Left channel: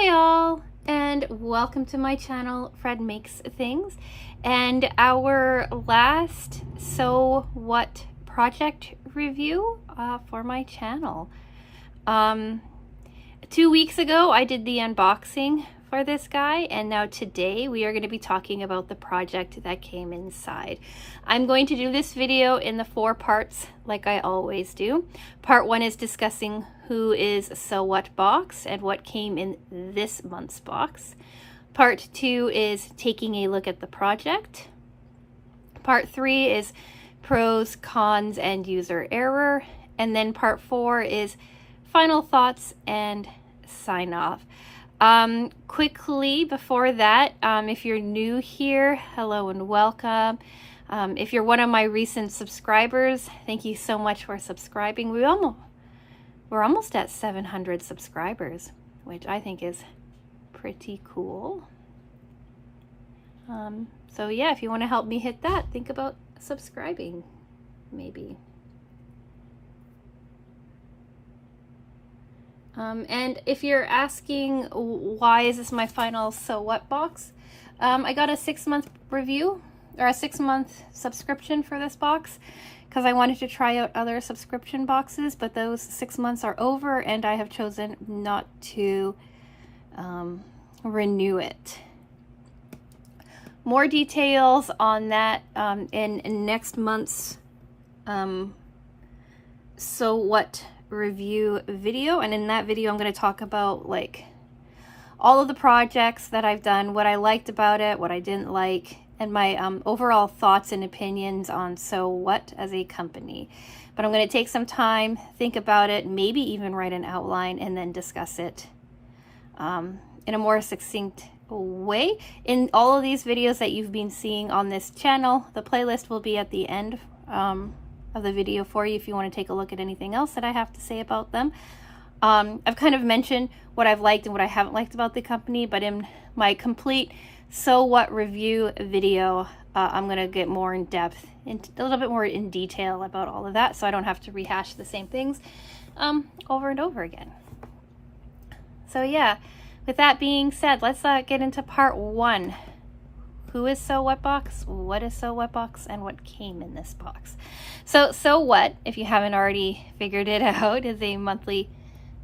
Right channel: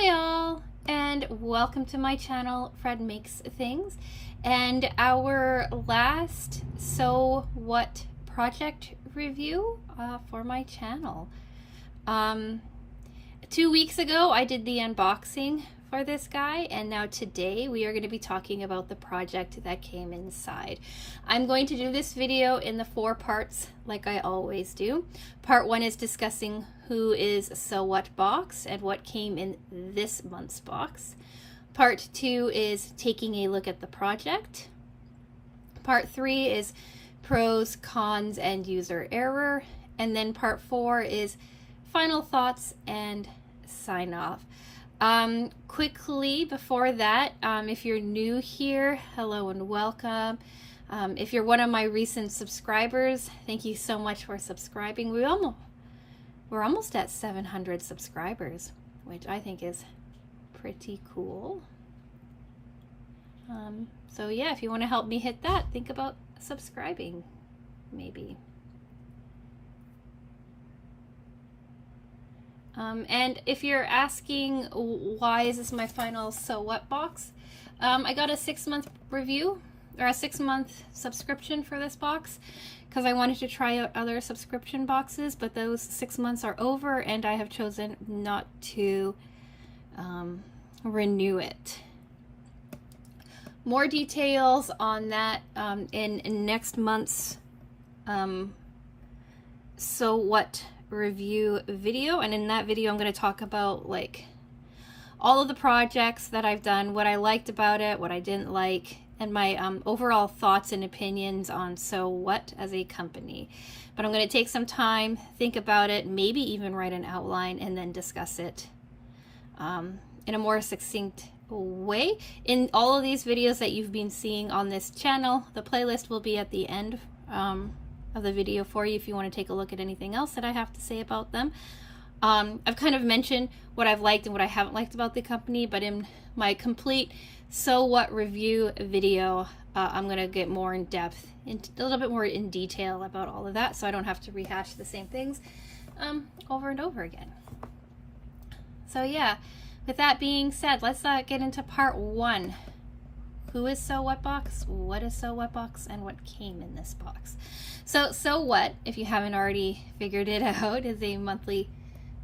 Hi all, and welcome to my channel, Fred Makes Things, and our last So What project review for my channel. 2 weeks ago I did the unboxing for this guy, and now today we are going to be talking about the project that came inside. I'm going to do this video in the 4 parts like I always do. Part 1 is discussing who is So What box and what came in this month's box. Part 2 is taking a look at the project. Part 3 is pros, cons, and user error. And then part 4 is final thoughts and sign off. Quickly before that, if you're new here, hello and welcome. If you're one of my recent subscribers, thank you so much for subscribing. We're almost at 700 subscribers, which I think is pretty cool. So yeah, if you want to help me hit that, think about subscribing, maybe. And if you're asking why is this my final So What box, I got a 6-month review or a 6-month subscription for this box because I wanted to try out other subscription boxes, but those 6 months are over and I have chosen not to renew it. More details on that in next month's So What review video, and in that video I'm going to talk about like all of the projects that I've done, what I liked about it, what I didn't like, and my overall thoughts and opinions on So What as a company. But I'm going to take some time, think about it, maybe even write an outline and then discuss it in a more succinct way. In all of these videos that you've been seeing on this channel, the playlist will be at the end of the video for you if you want to take a look at anything else that I have to say about them. I've kind of mentioned what I've liked and what I haven't liked about the company, but in my complete So What review video, I'm going to get more in depth, a little bit more in detail about all of that, so I don't have to rehash the same things over and over again. So yeah, with that being said, let's get into part 1. Who is So What box? What is So What box? And what came in this box? So What, if you haven't already figured it out, is a monthly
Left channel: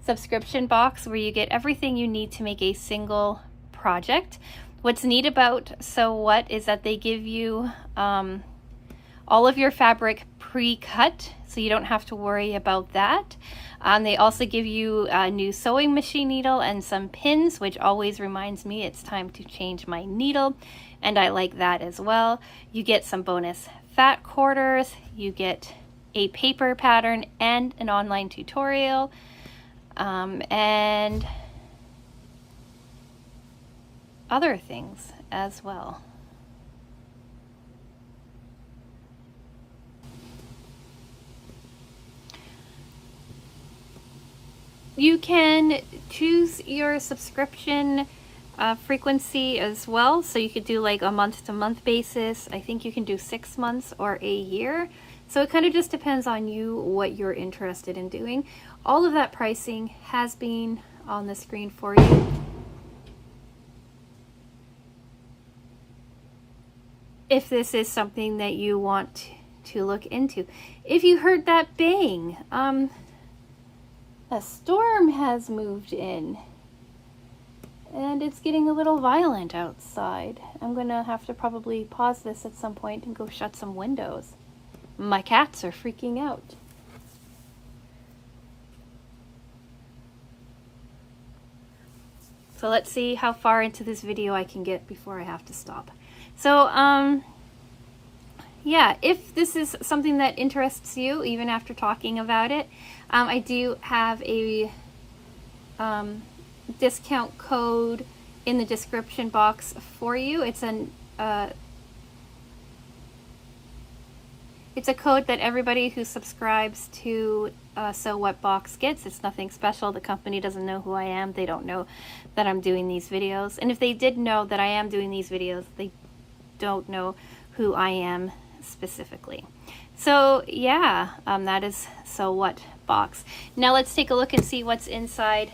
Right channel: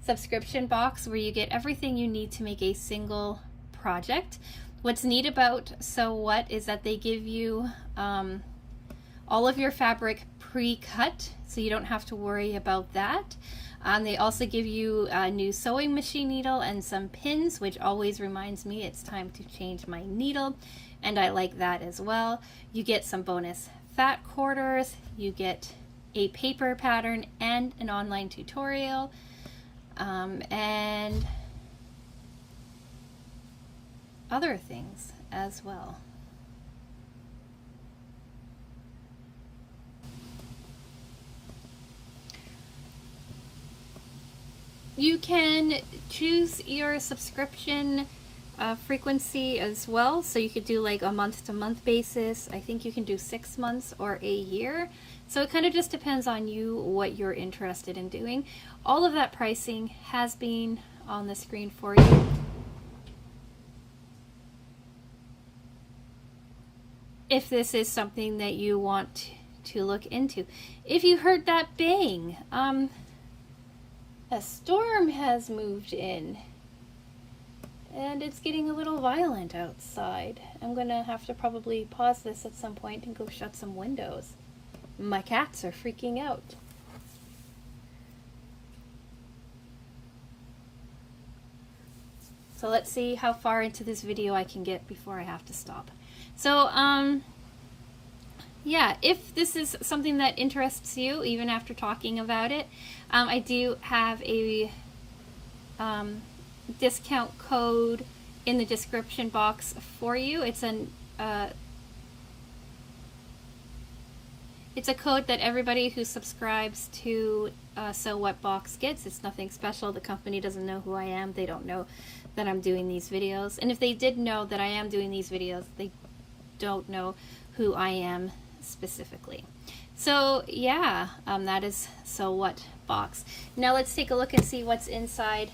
subscription box where you get everything you need to make a single project. What's neat about So What is that they give you all of your fabric pre-cut, so you don't have to worry about that. They also give you a new sewing machine needle and some pins, which always reminds me it's time to change my needle, and I like that as well. You get some bonus fat quarters, you get a paper pattern and an online tutorial, and other things as well. You can choose your subscription frequency as well, so you could do like a month-to-month basis. I think you can do 6 months or a year, so it kind of just depends on you what you're interested in doing. All of that pricing has been on the screen for you. If this is something that you want to look into. If you heard that bang, a storm has moved in and it's getting a little violent outside. I'm gonna have to probably pause this at some point and go shut some windows. My cats are freaking out. So let's see how far into this video I can get before I have to stop. So yeah, if this is something that interests you, even after talking about it, I do have a discount code in the description box for you. It's a code that everybody who subscribes to So What box gets. It's nothing special. The company doesn't know who I am. They don't know that I'm doing these videos. And if they did know that I am doing these videos, they don't know who I am specifically. So yeah, that is So What box. Now let's take a look and see what's inside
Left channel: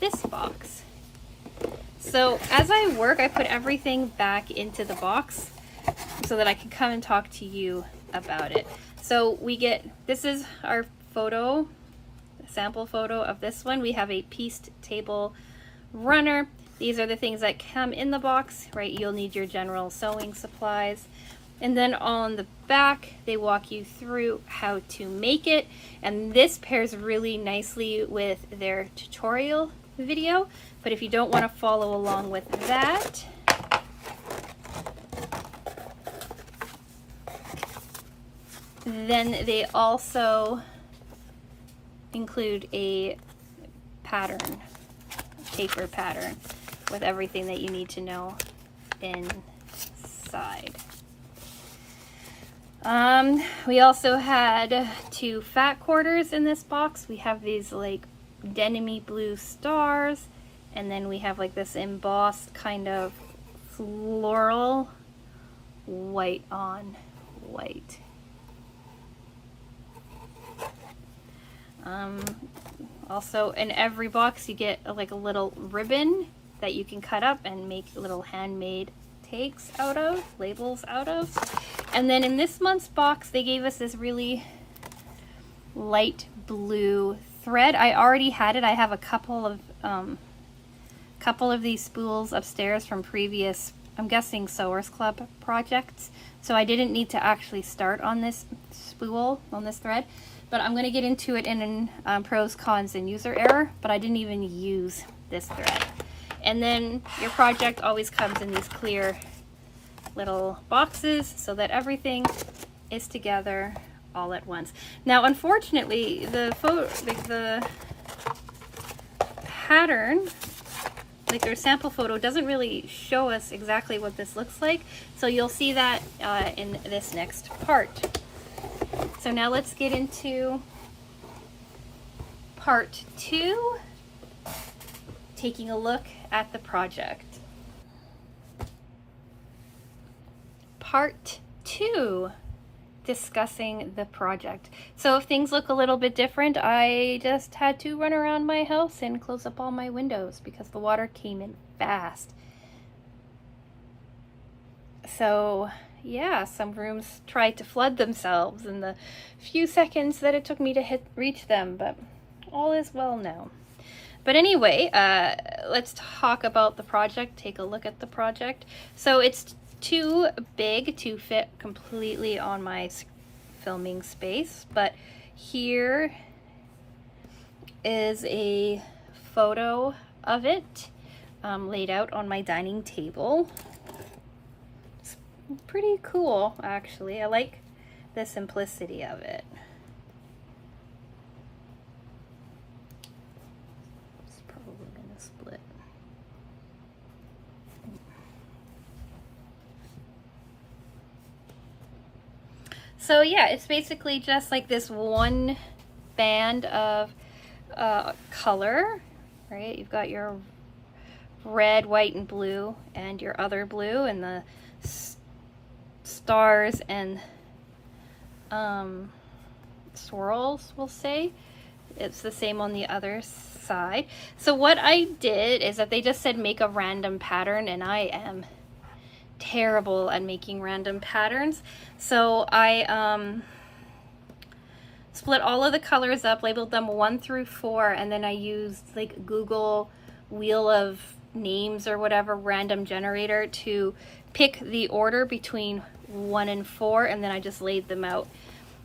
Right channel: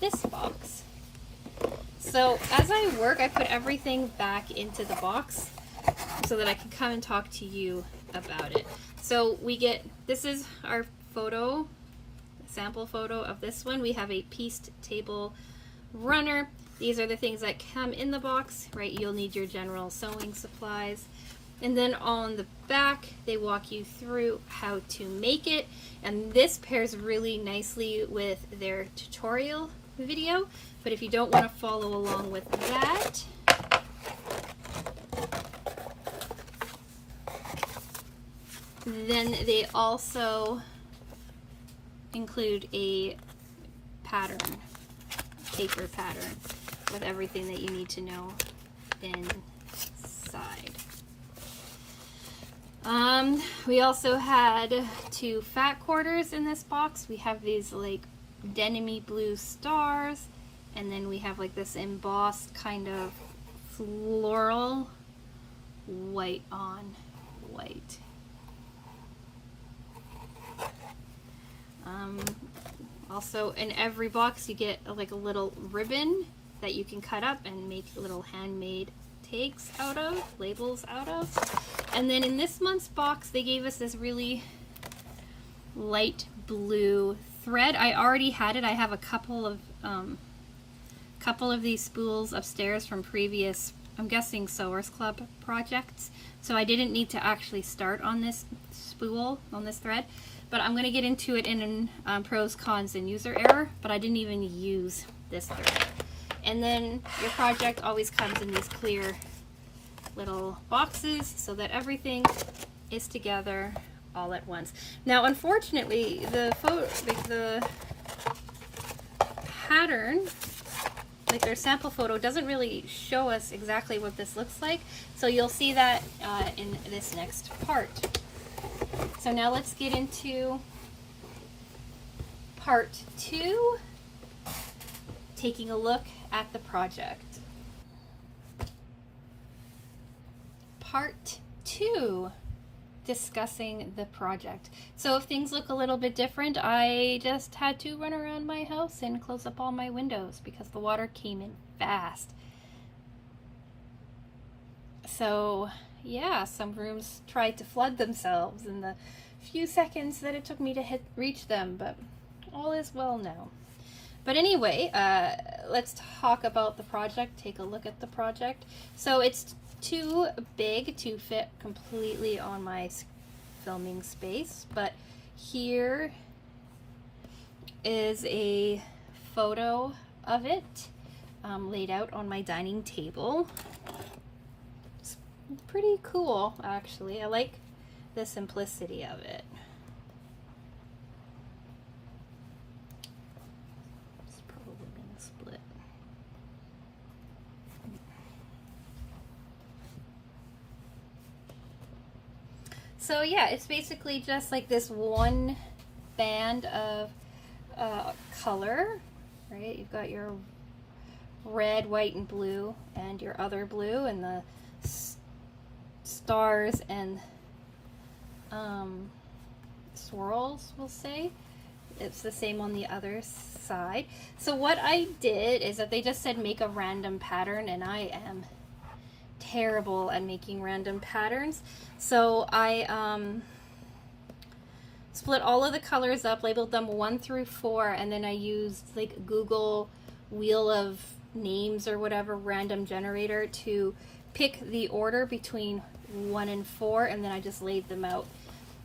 this box. So as I work, I put everything back into the box so that I can come and talk to you about it. So we get, this is our photo, sample photo of this one. We have a pieced table runner. These are the things that come in the box, right? You'll need your general sewing supplies. And then on the back, they walk you through how to make it. And this pairs really nicely with their tutorial video. But if you don't want to follow along with that, then they also include a pattern, paper pattern, with everything that you need to know inside. We also had 2 fat quarters in this box. We have these like denim-y blue stars, and then we have like this embossed kind of floral white on white. Also in every box you get like a little ribbon that you can cut up and make little handmade tags out of, labels out of. And then in this month's box they gave us this really light blue thread. I already had it. I have a couple of these spools upstairs from previous, I'm guessing, Sewers Club projects. So I didn't need to actually start on this spool, on this thread. But I'm going to get into it in pros, cons, and user error, but I didn't even use this thread. And then your project always comes in these clear little boxes so that everything is together all at once. Now, unfortunately, the pattern, like their sample photo, doesn't really show us exactly what this looks like. So you'll see that in this next part. So now let's get into part 2, taking a look at the project. Part 2, discussing the project. So if things look a little bit different, I just had to run around my house and close up all my windows because the water came in fast. So yeah, some rooms tried to flood themselves in the few seconds that it took me to reach them, but all is well now. But anyway, let's talk about the project, take a look at the project. So it's too big to fit completely on my filming space, but here is a photo of it laid out on my dining table. Pretty cool, actually. I like the simplicity of it. It's probably gonna split. So yeah, it's basically just like this one band of color, right? You've got your red, white, and blue, and your other blue, and the stars and swirls, we'll say. It's the same on the other side. So what I did is that they just said make a random pattern, and I am terrible at making random patterns. So I split all of the colors up, labeled them 1 through 4, and then I used like Google Wheel of Names or whatever random generator to pick the order between 1 and 4, and then I just laid them out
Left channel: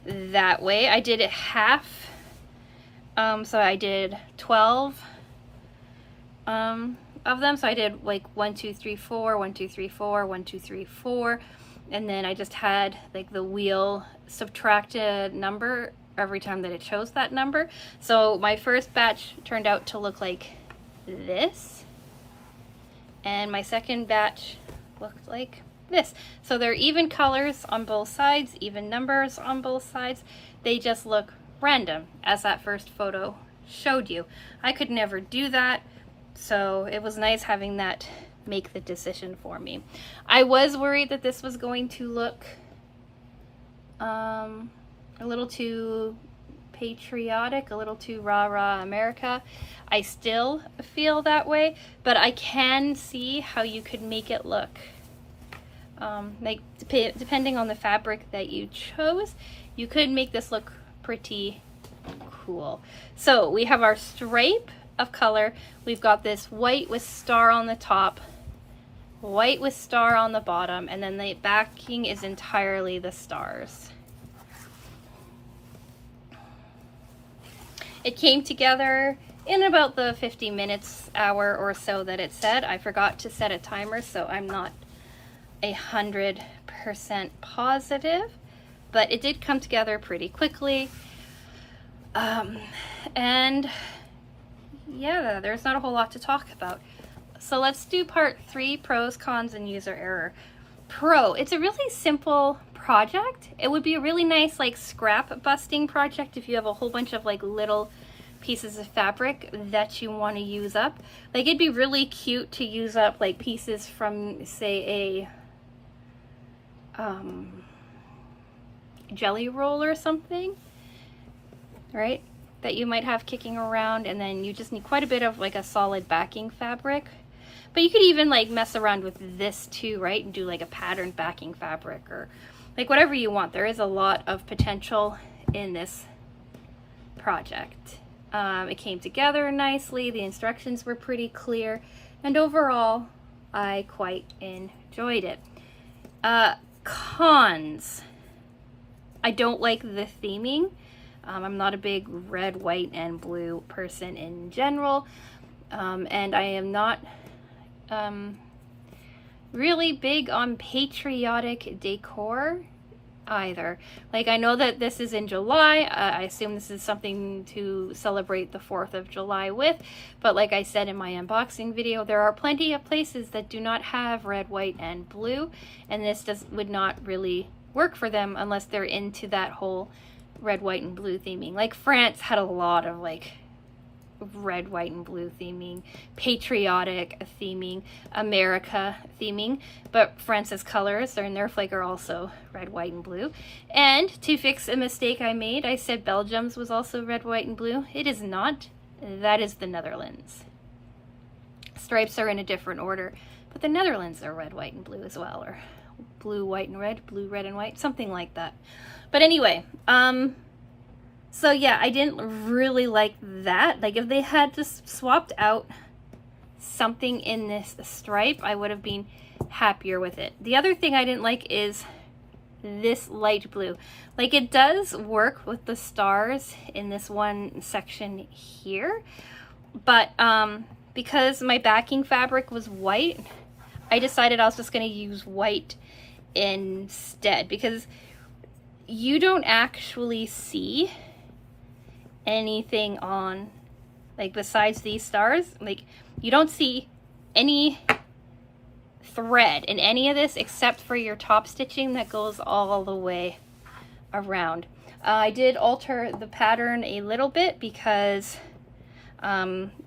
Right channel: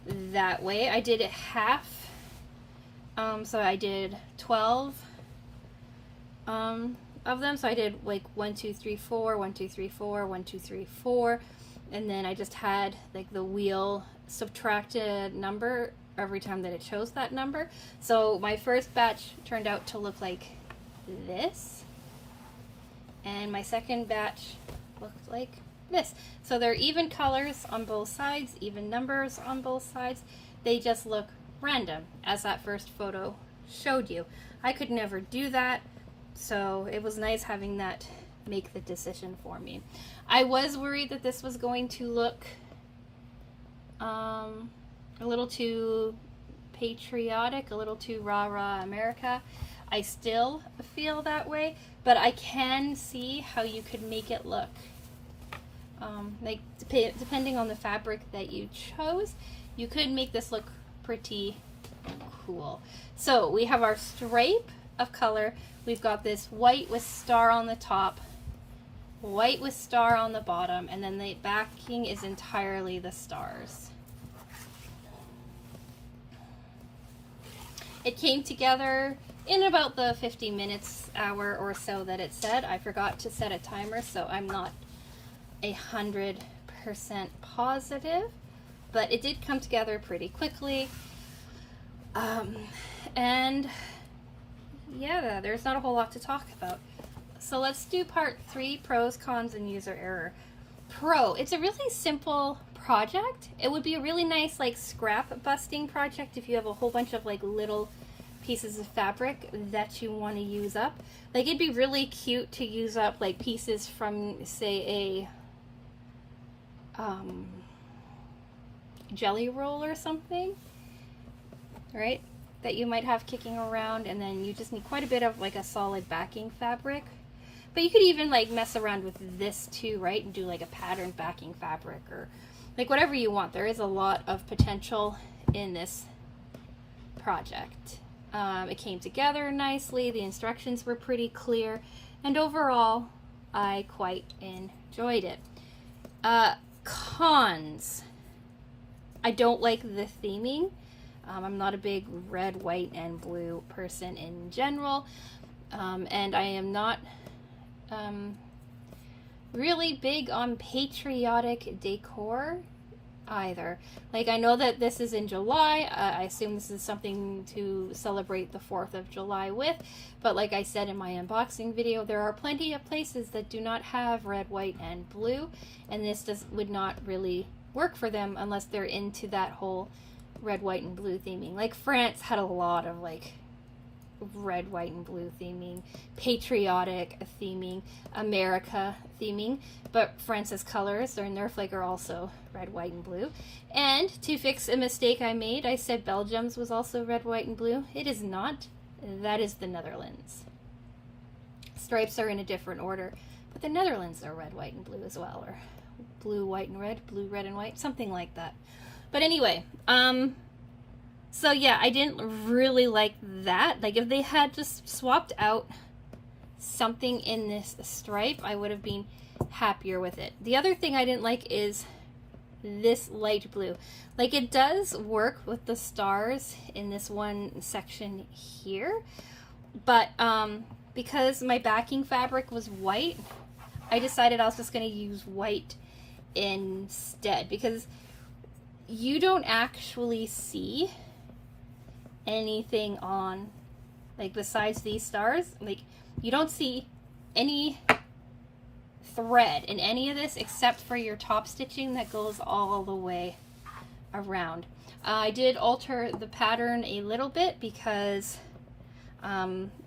that way. I did it half, so I did 12 of them. So I did like 1 2 3 4, 1 2 3 4, 1 2 3 4, and then I just had like the wheel subtract a number every time that it chose that number. So my first batch turned out to look like this, and my second batch looked like this. So they're even colors on both sides, even numbers on both sides. They just look random, as that first photo showed you. I could never do that, so it was nice having that make the decision for me. I was worried that this was going to look a little too patriotic, a little too rah-rah America. I still feel that way, but I can see how you could make it look like depending on the fabric that you chose, you could make this look pretty cool. So we have our stripe of color. We've got this white with star on the top, white with star on the bottom, and then the backing is entirely the stars. It came together in about the 50 minutes, hour or so that it said. I forgot to set a timer, so I'm not 100% positive, but it did come together pretty quickly. And yeah, there's not a whole lot to talk about. So let's do part 3, pros, cons, and user error. Pro, it's a really simple project. It would be a really nice like scrap busting project if you have a whole bunch of like little pieces of fabric that you want to use up. Like it'd be really cute to use up like pieces from say a jelly roll or something, right, that you might have kicking around, and then you just need quite a bit of like a solid backing fabric. But you could even like mess around with this too, right, and do like a patterned backing fabric or like whatever you want. There is a lot of potential in this project. It came together nicely, the instructions were pretty clear, and overall I quite enjoyed it. Cons, I don't like the theming. I'm not a big red, white, and blue person in general, and I am not really big on patriotic decor either. Like I know that this is in July, I assume this is something to celebrate the 4th of July with, but like I said in my unboxing video, there are plenty of places that do not have red, white, and blue, and this would not really work for them unless they're into that whole red, white, and blue theming. Like France had a lot of like red, white, and blue theming, patriotic theming, America theming, but France's colors in their flag are also red, white, and blue. And to fix a mistake I made, I said Belgium's was also red, white, and blue. It is not. That is the Netherlands. Stripes are in a different order, but the Netherlands are red, white, and blue as well, or blue, white, and red, blue, red, and white, something like that. But anyway, so yeah, I didn't really like that. Like if they had just swapped out something in this stripe, I would have been happier with it. The other thing I didn't like is this light blue. Like it does work with the stars in this one section here, but because my backing fabric was white, I decided I was just going to use white instead, because you don't actually see anything on, like besides these stars, like you don't see any thread in any of this except for your top stitching that goes all the way around. I did alter the pattern a little bit because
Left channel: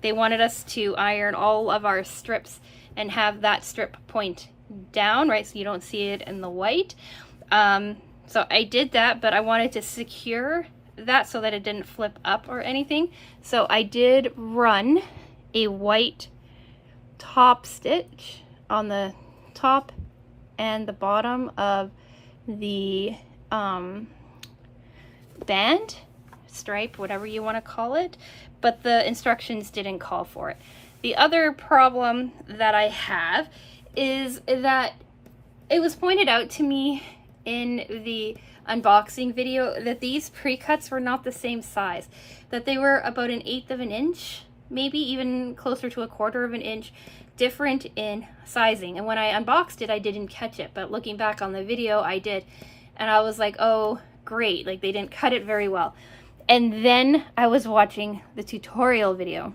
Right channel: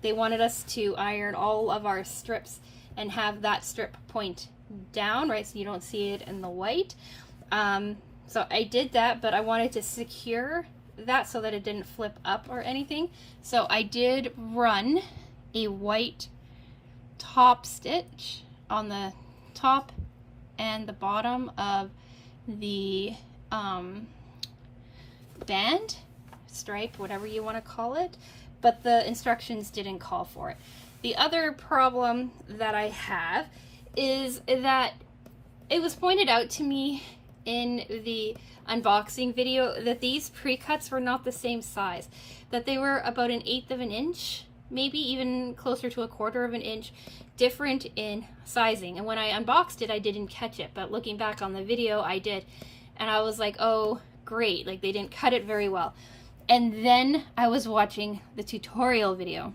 they wanted us to iron all of our strips and have that strip point down, right, so you don't see it in the white. So I did that, but I wanted to secure that so that it didn't flip up or anything. So I did run a white top stitch on the top and the bottom of the band, stripe, whatever you want to call it, but the instructions didn't call for it. The other problem that I have is that it was pointed out to me in the unboxing video that these pre-cuts were not the same size, that they were about 1/8 of an inch, maybe even closer to 1/4 of an inch different in sizing. And when I unboxed it, I didn't catch it, but looking back on the video, I did. And I was like, oh, great, like they didn't cut it very well. And then I was watching the tutorial video,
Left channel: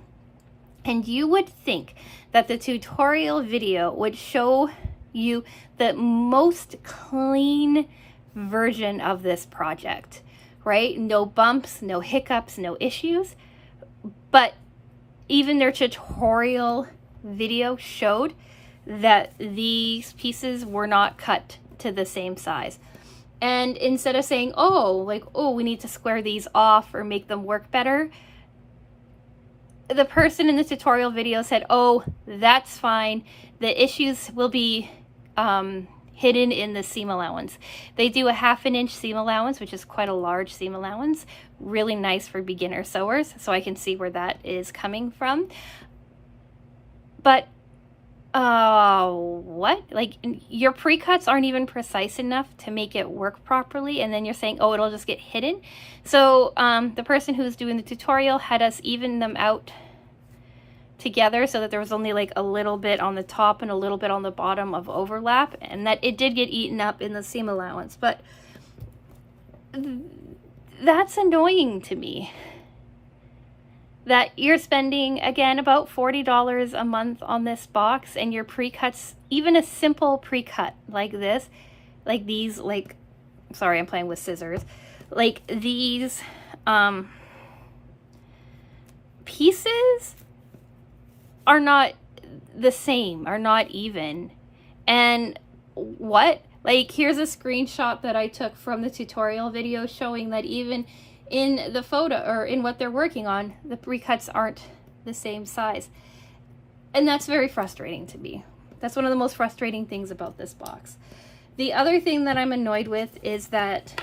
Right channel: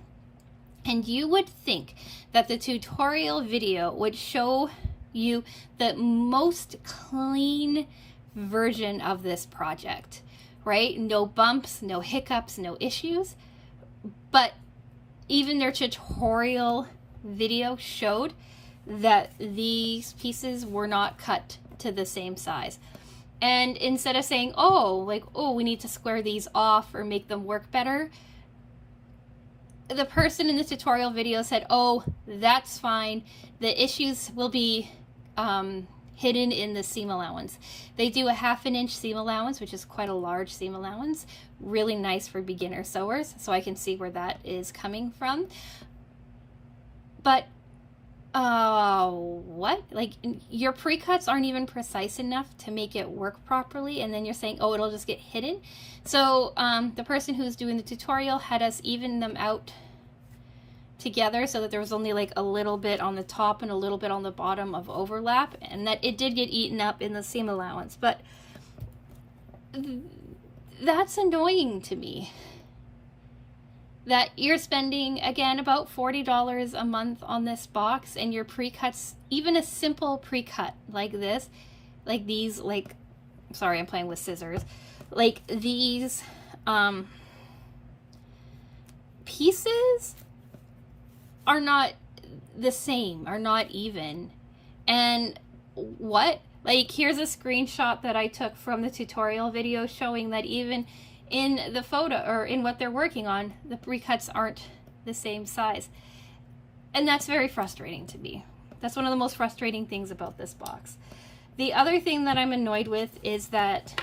and you would think that the tutorial video would show you the most clean version of this project, right? No bumps, no hiccups, no issues. But even their tutorial video showed that these pieces were not cut to the same size. And instead of saying, oh, like, oh, we need to square these off or make them work better, the person in the tutorial video said, oh, that's fine. The issues will be hidden in the seam allowance. They do a 1/2 inch seam allowance, which is quite a large seam allowance. Really nice for beginner sewers, so I can see where that is coming from. But what? Like, your pre-cuts aren't even precise enough to make it work properly, and then you're saying, oh, it'll just get hidden. So the person who's doing the tutorial had us even them out together so that there was only like a little bit on the top and a little bit on the bottom of overlap, and that it did get eaten up in the seam allowance. But that's annoying to me, that you're spending, again, about $40 a month on this box, and your pre-cuts, even a simple pre-cut like this, like these, like, sorry, I'm playing with scissors, like these pieces are not the same, are not even. And what? Like, here's a screenshot that I took from the tutorial video showing that even in the photo, or in what they're working on, the pre-cuts aren't the same size. And that's very frustrating to me. That's one of the most frustrating things about this box. The other thing that I'm annoyed with is that,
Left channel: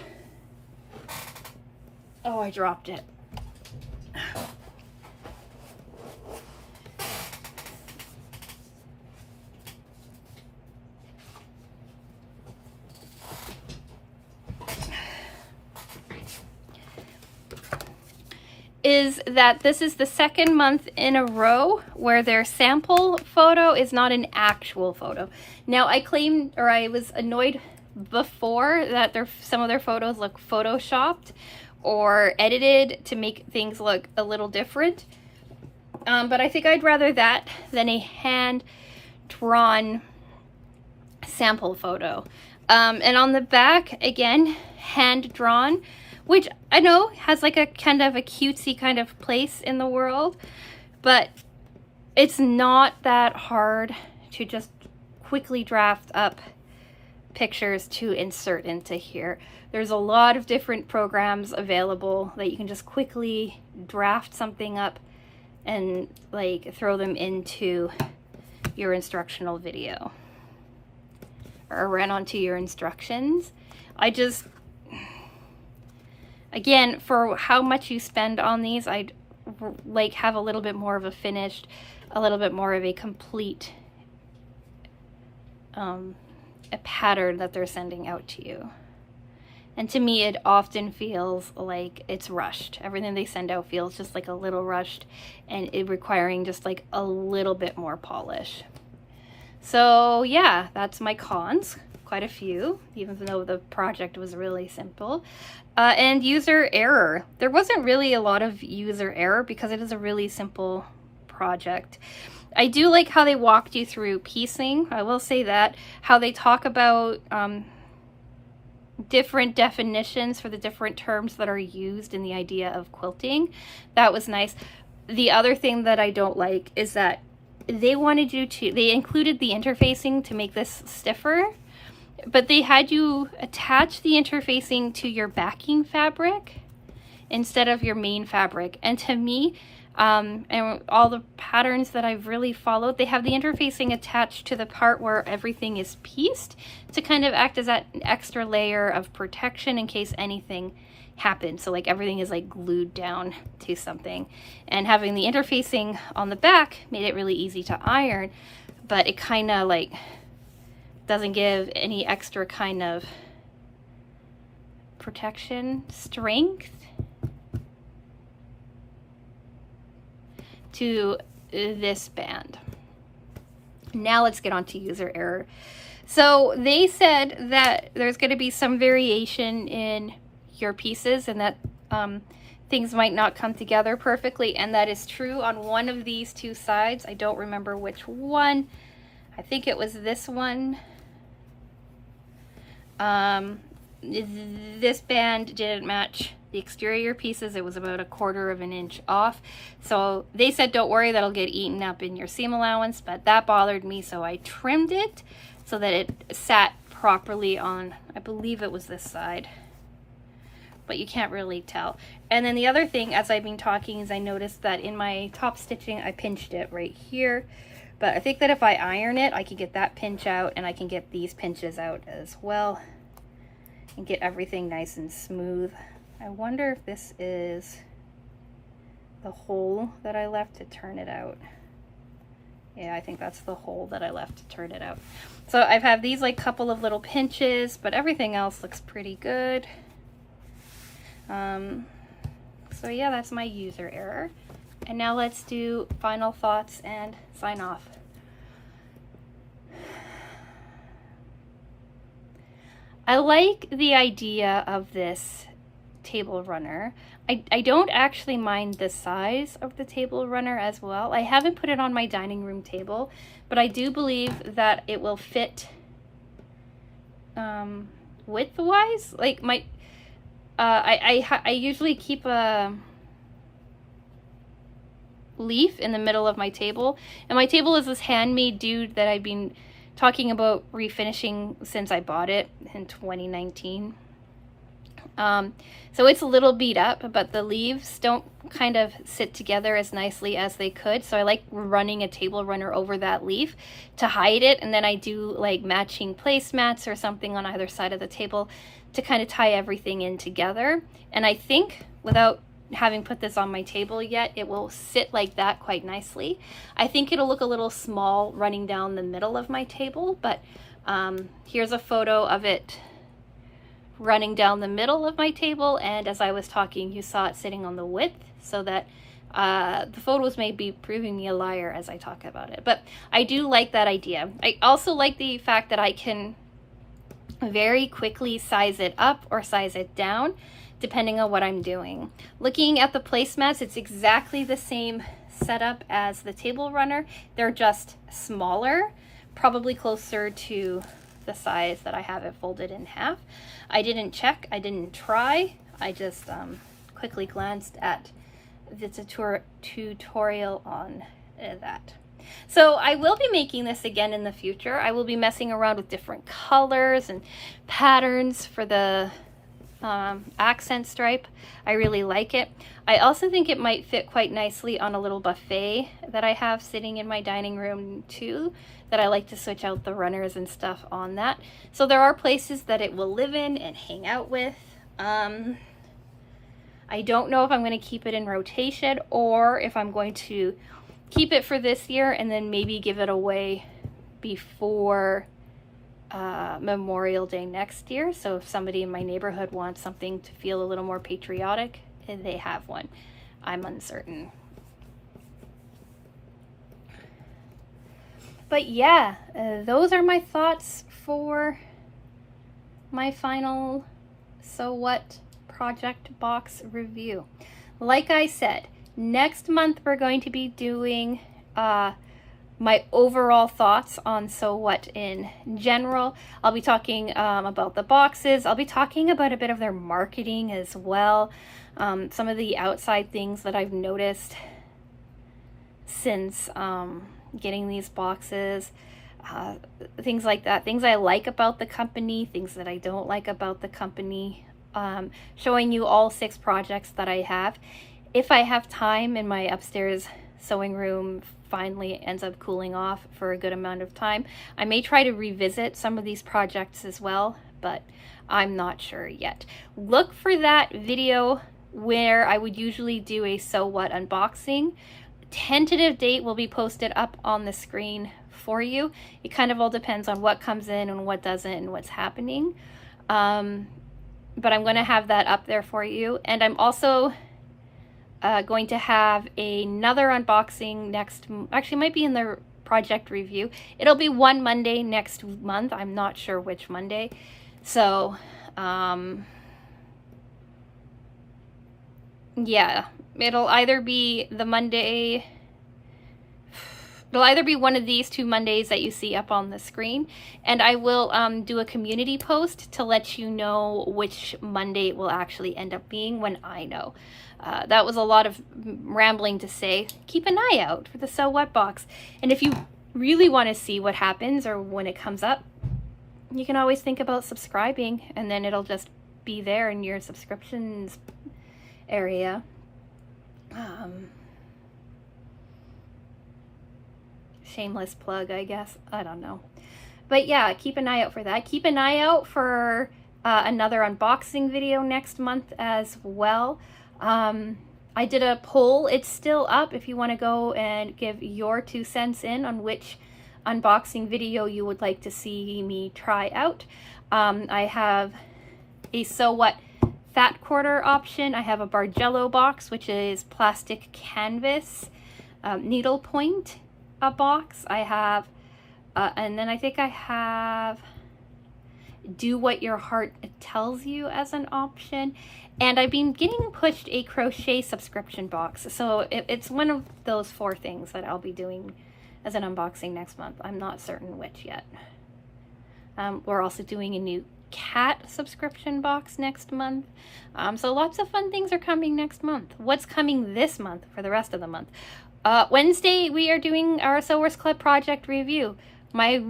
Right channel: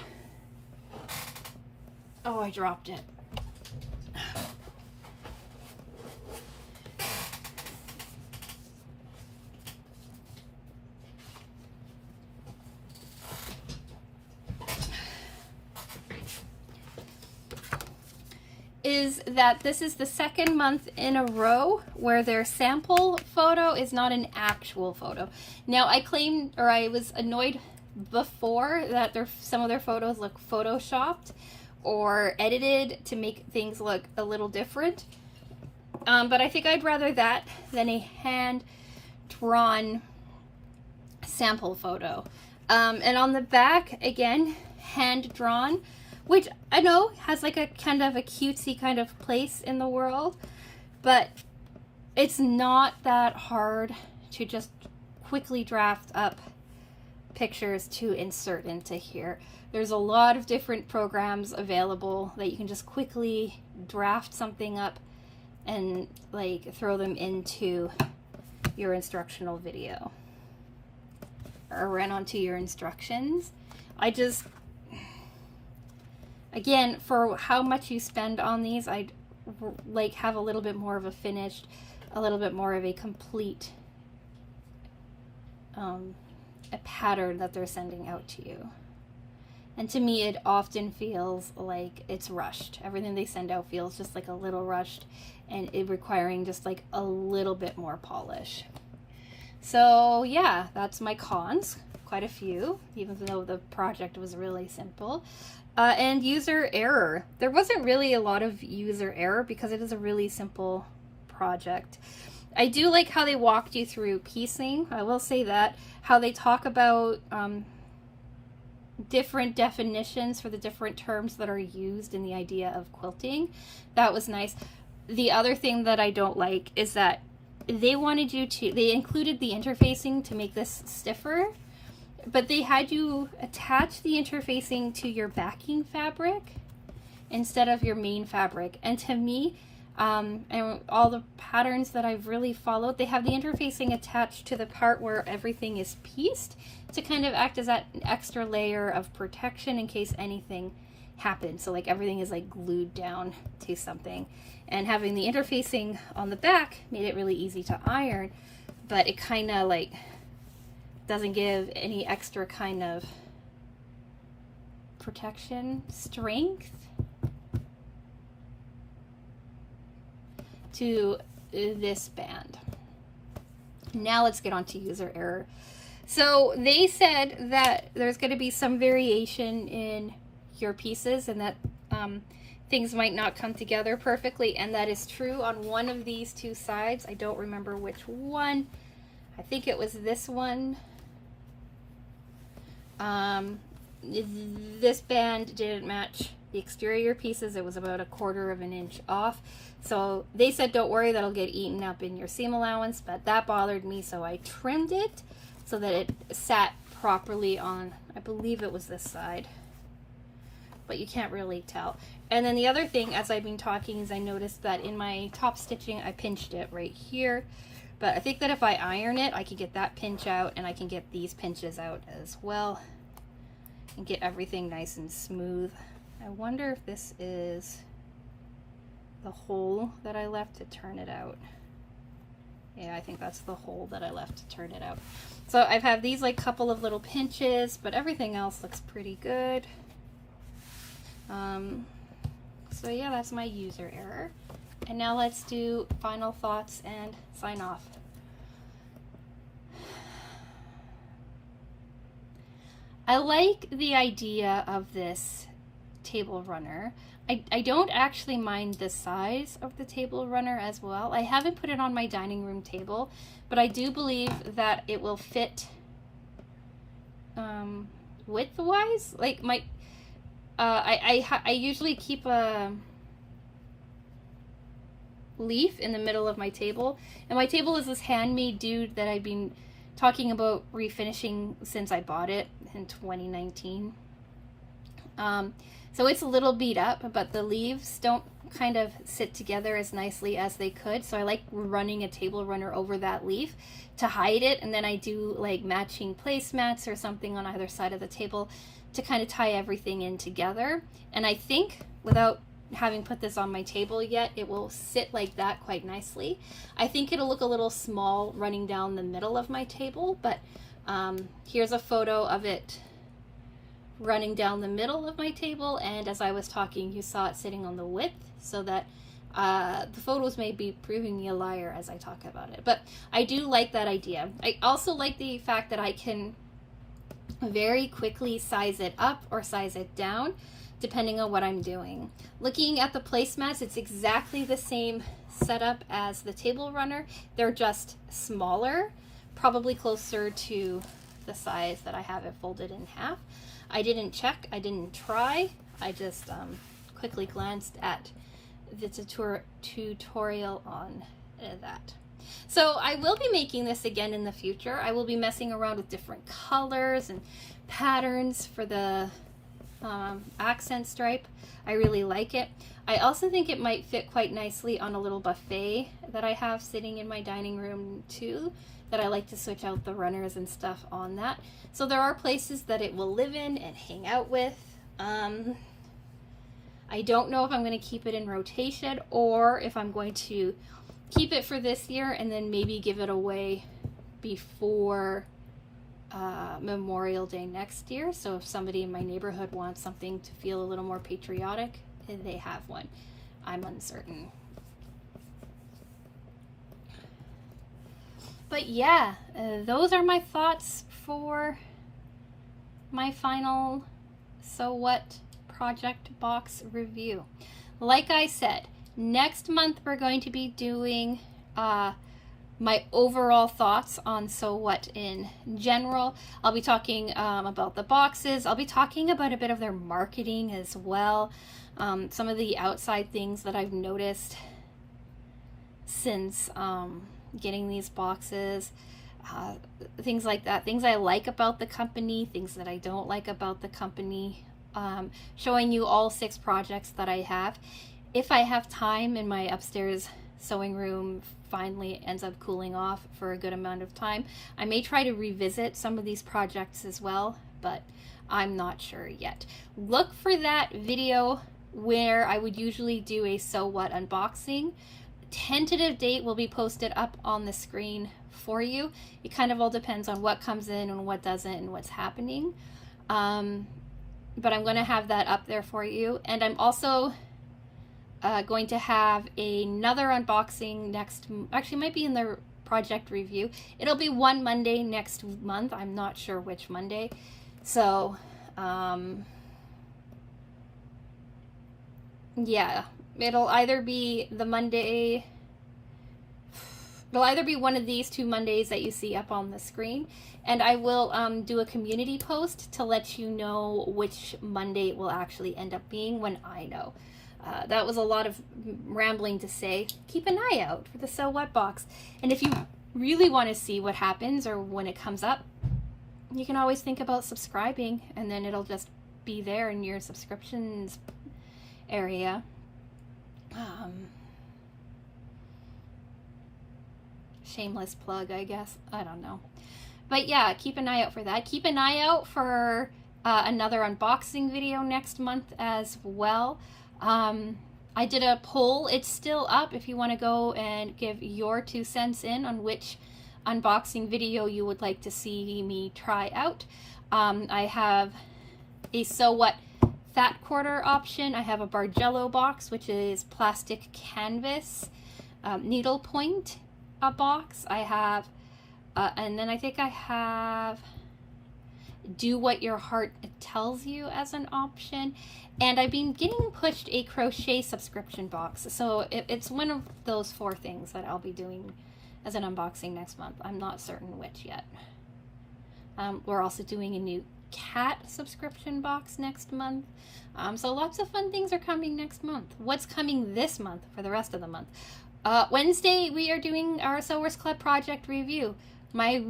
oh, I dropped it. Is that this is the second month in a row where their sample photo is not an actual photo. Now, I claimed, or I was annoyed before, that some of their photos look photoshopped or edited to make things look a little different. But I think I'd rather that than a hand-drawn sample photo. And on the back, again, hand-drawn, which I know has like a kind of a cutesy kind of place in the world, but it's not that hard to just quickly draft up pictures to insert into here. There's a lot of different programs available that you can just quickly draft something up and like throw them into your instructional video or run onto your instructions. Again, for how much you spend on these, I'd like have a little bit more of a finished, a little bit more of a complete a pattern that they're sending out to you. And to me, it often feels like it's rushed. Everything they send out feels just like a little rushed, and it requiring just like a little bit more polish. So yeah, that's my cons. Quite a few, even though the project was really simple. And user error. There wasn't really a lot of user error because it is a really simple project. I do like how they walked you through piecing. I will say that. How they talk about different definitions for the different terms that are used in the idea of quilting. That was nice. The other thing that I don't like is that they wanted you to, they included the interfacing to make this stiffer, but they had you attach the interfacing to your backing fabric instead of your main fabric. And to me, and all the patterns that I've really followed, they have the interfacing attached to the part where everything is pieced to kind of act as that extra layer of protection in case anything happens. So like everything is like glued down to something. And having the interfacing on the back made it really easy to iron, but it kind of like doesn't give any extra kind of protection, strength to this band. Now let's get on to user error. So they said that there's going to be some variation in your pieces and that things might not come together perfectly, and that is true on one of these two sides. I don't remember which one. I think it was this one. This band didn't match the exterior pieces. It was about 1/4 of an inch off. So they said, don't worry, that'll get eaten up in your seam allowance, but that bothered me, so I trimmed it so that it sat properly on, I believe it was this side, but you can't really tell. And then the other thing, as I've been talking, is I noticed that in my top stitching, I pinched it right here. But I think that if I iron it, I can get that pinch out, and I can get these pinches out as well and get everything nice and smooth. I wonder if this is the hole that I left to turn it out. Yeah, I think that's the hole that I left to turn it out. So I've had these like couple of little pinches, but everything else looks pretty good. So yeah, that's my user error. And now let's do final thoughts and sign off. I like the idea of this table runner. I don't actually mind the size of the table runner as well. I haven't put it on my dining room table, but I do believe that it will fit width-wise. Like my, I usually keep a leaf in the middle of my table, and my table is this handmade dude that I've been talking about refinishing since I bought it in 2019. So it's a little beat up, but the leaves don't kind of sit together as nicely as they could. So I like running a table runner over that leaf to hide it. And then I do like matching placemats or something on either side of the table to kind of tie everything in together. And I think without having put this on my table yet, it will sit like that quite nicely. I think it'll look a little small running down the middle of my table, but here's a photo of it running down the middle of my table, and as I was talking you saw it sitting on the width, so that the photos may be proving me a liar as I talk about it. But I do like that idea. I also like the fact that I can very quickly size it up or size it down depending on what I'm doing. Looking at the placemats, it's exactly the same setup as the table runner. They're just smaller, probably closer to the size that I have it folded in half. I didn't check, I didn't try, I just quickly glanced at the tutorial on that. So I will be making this again in the future. I will be messing around with different colors and patterns for the accent stripe. I really like it. I also think it might fit quite nicely on a little buffet that I have sitting in my dining room too, that I like to switch out the runners and stuff on that. So there are places that it will live in and hang out with. I don't know if I'm going to keep it in rotation or if I'm going to keep it for this year and then maybe give it away before Memorial Day next year. So if somebody in my neighborhood wants something to feel a little more patriotic, they have one. I'm uncertain. But yeah, those are my thoughts for my final So What project box review. Like I said, next month we're going to be doing my overall thoughts on So What in general. I'll be talking about the boxes. I'll be talking about a bit of their marketing as well. Some of the outside things that I've noticed since getting these boxes, things like that, things I like about the company, things that I don't like about the company, showing you all 6 projects that I have. If I have time and my upstairs sewing room finally ends up cooling off for a good amount of time, I may try to revisit some of these projects as well, but I'm not sure yet. Look for that video where I would usually do a So What unboxing. Tentative date will be posted up on the screen for you. It kind of all depends on what comes in and what doesn't and what's happening. But I'm going to have that up there for you. And I'm also going to have another unboxing actually might be in the project review. It'll be one Monday next month. I'm not sure which Monday. So, yeah, it'll either be the Monday, it'll either be one of these 2 Mondays that you see up on the screen, and I will do a community post to let you know which Monday it will actually end up being when I know. That was a lot of rambling to say. Keep an eye out for the So What box, and if you really want to see what happens or when it comes up, you can always think about subscribing, and then it'll just be there in your subscriptions area. Shameless plug, I guess. I don't know. But yeah, keep an eye out for that. Keep an eye out for another unboxing video next month as well. I did a poll. It's still up if you want to go and give your 2 cents in on which unboxing video you would like to see me try out. I have a So What fat quarter option. I have a Bargello box, which is plastic canvas, needlepoint box. I have, and then I think I have Do What Your Heart Tells You as an option. And I've been getting pushed a crochet subscription box. So it's one of those 4 things that I'll be doing as an unboxing next month. I'm not certain which yet. We're also doing a new cat subscription box next month. So lots of fun things are coming next month. What's coming this month for the rest of the month? Wednesday, we are doing our Sewers Club project review. My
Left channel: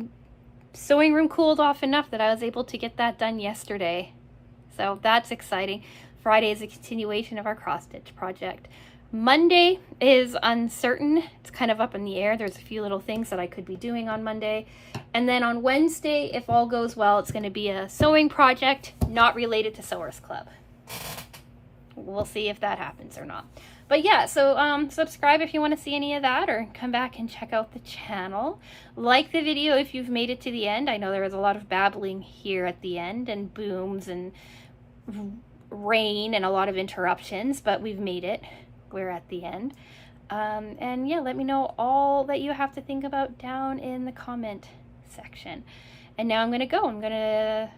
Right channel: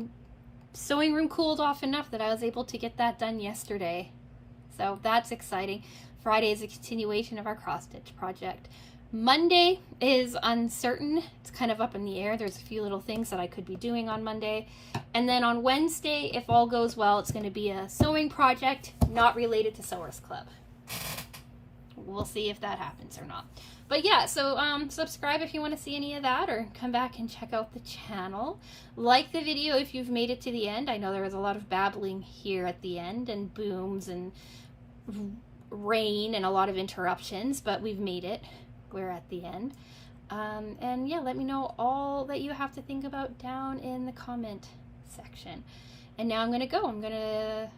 sewing room cooled off enough that I was able to get that done yesterday. So that's exciting. Friday is a continuation of our cross stitch project. Monday is uncertain. It's kind of up in the air. There's a few little things that I could be doing on Monday. And then on Wednesday, if all goes well, it's going to be a sewing project not related to Sewers Club. We'll see if that happens or not. But yeah, so subscribe if you want to see any of that, or come back and check out the channel. Like the video if you've made it to the end. I know there was a lot of babbling here at the end, and booms and rain and a lot of interruptions, but we've made it. We're at the end. And yeah, let me know all that you have to think about down in the comment section. And now I'm gonna go. I'm gonna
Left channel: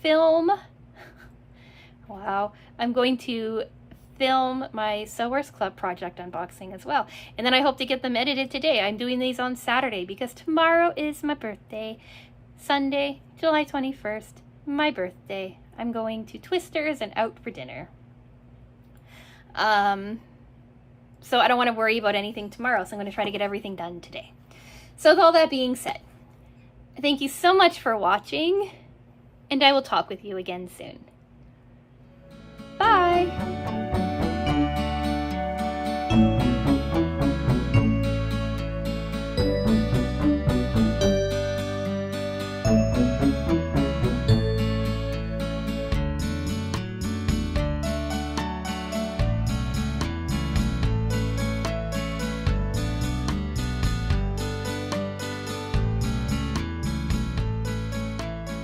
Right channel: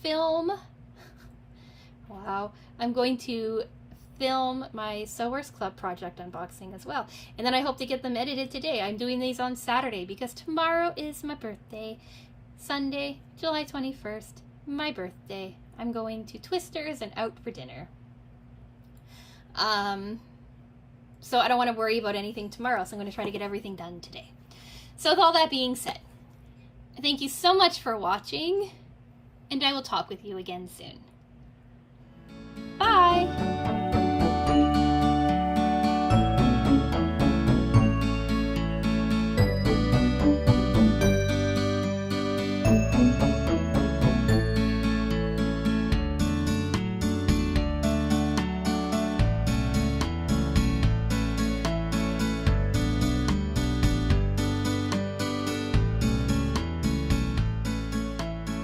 film. Wow. I'm going to film my Sewers Club project unboxing as well. And then I hope to get them edited today. I'm doing these on Saturday because tomorrow is my birthday. Sunday, July 21st, my birthday. I'm going to Twister's and out for dinner. So I don't want to worry about anything tomorrow, so I'm going to try to get everything done today. So with all that being said, thank you so much for watching, and I will talk with you again soon.